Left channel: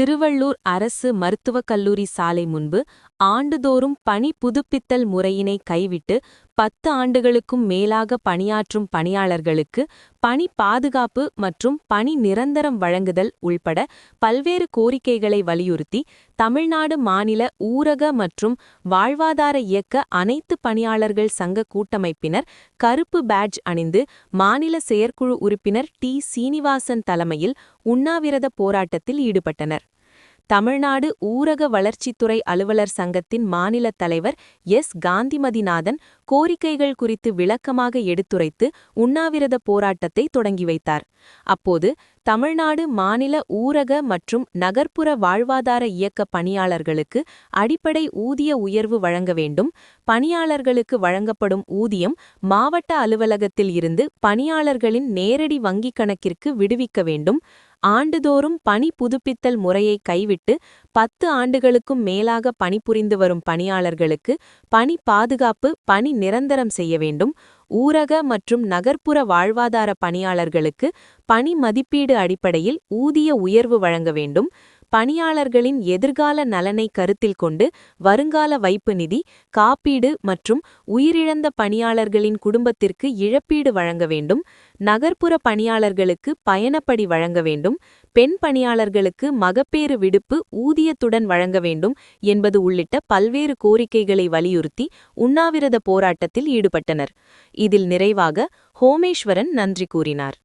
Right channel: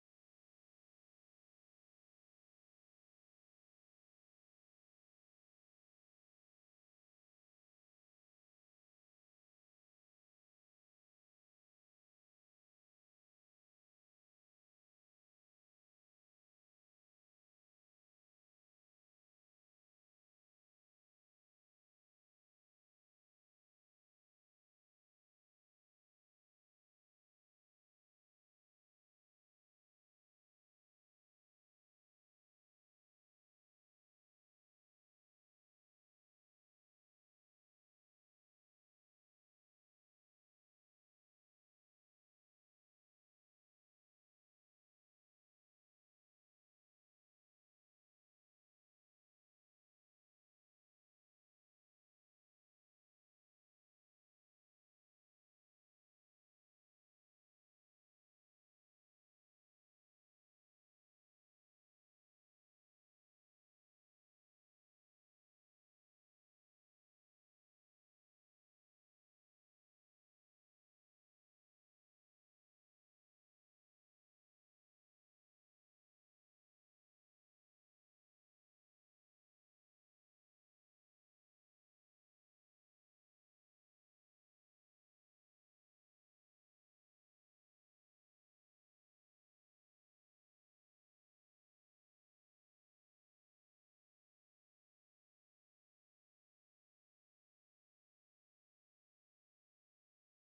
திருவள்ளூர் அரசு மருத்துவக் கல்லூரி சாலை முன்பு ஆண்டுதோறும் பணி புதுப்பித்தல் முறையினை கைவிட்டு பத்து ஆண்டுகளுக்கும் மேலாக பணியாற்றும் பணியாளர்களுக்கு பணி பாதுகாப்பு மற்றும் பணி நிரந்தரம் வழங்குதல் உள்பட பல்வேறு கோரிக்கைகளை வலியுறுத்தி தமிழ்நாடு மாநில ஊரக மற்றும் வாழ்வாதார இயக்க அனைத்து பணியாளர்கள் சங்க கூட்டமைப்பினர் கருப்பு பேட்ஜ் அணிந்து மாநில செயற்குழு உறுப்பினர் டி. சீனிவாசன் தலைமையில் உண்ணாவிரத போராட்டத்தில் ஈடுபட்டனர். தமிழ்நாடு ஊரக வளர்ச்சித்துறை அலுவலர் சங்கத்தின் மாநில தலைவர் எஸ். காந்திமதிநாதன் கோரிக்கைகள் குறித்து விளக்கமாக எடுத்துரைத்து உண்ணாவிரத போராட்டத்தை தொடங்கி வைத்தார். அப்போது தமிழ்நாடு மாநில ஊரக மற்றும் நகர்ப்புற வாழ்வாதார இயக்க பணியாளர்களுக்கு அடிப்படை ஊதிய உயர்வு வழங்க வேண்டும். பணியாளர்களுக்கு வழங்கப்படும் ஊதியம் மாவட்ட அலுவலகத்தில் இருந்து பணியாளர்களின் நேரடி வங்கிக் கணக்கிற்கு விடுவிக்க வேண்டும். ஆண்டுதோறும் பணி புதுப்பித்தல் முறையை கைவிட்டு பத்து ஆண்டுகளுக்கும் மேலாக பணிபுரிந்து வரும் பணியாளர்களுக்கு பணி பாதுகாப்பு பணி நிரந்தரம் செய்ய வேண்டும். ஊரக மற்றும் நகர்ப்புற வாழ்வாதார பணியாளர்களுக்கு பணி மதிப்பீடு அடிப்படையில் ஊதிய உயர்வு வழங்க வேண்டும். பணியாளர்களின் எதிர்கால நலனை கருத்தில் கொண்டு வருங்கால வைப்பு நிதி காப்பீடு மற்றும் உயிரிழந்த பணியாளர்களின் குடும்பத்திற்கு இழப்பீடு வழங்க வேண்டும் நகர்ப்புற பணியாளர்களுக்கு பயணப்படி வழங்க வேண்டும் பெண் பணியாளர்களுக்கு மகப்பேறு விடுப்பு ஊதியத்துடன் வழங்க வேண்டும் என்பது உள்ளிட்ட பல்வேறு கோரிக்கைகளை வலியுறுத்தி உண்ணாவிரத போராட்டத்தில் ஈடுபட்டனர். இதில் நிறைவாக ஹோமேஸ்வரன் நன்றி கூறினார்.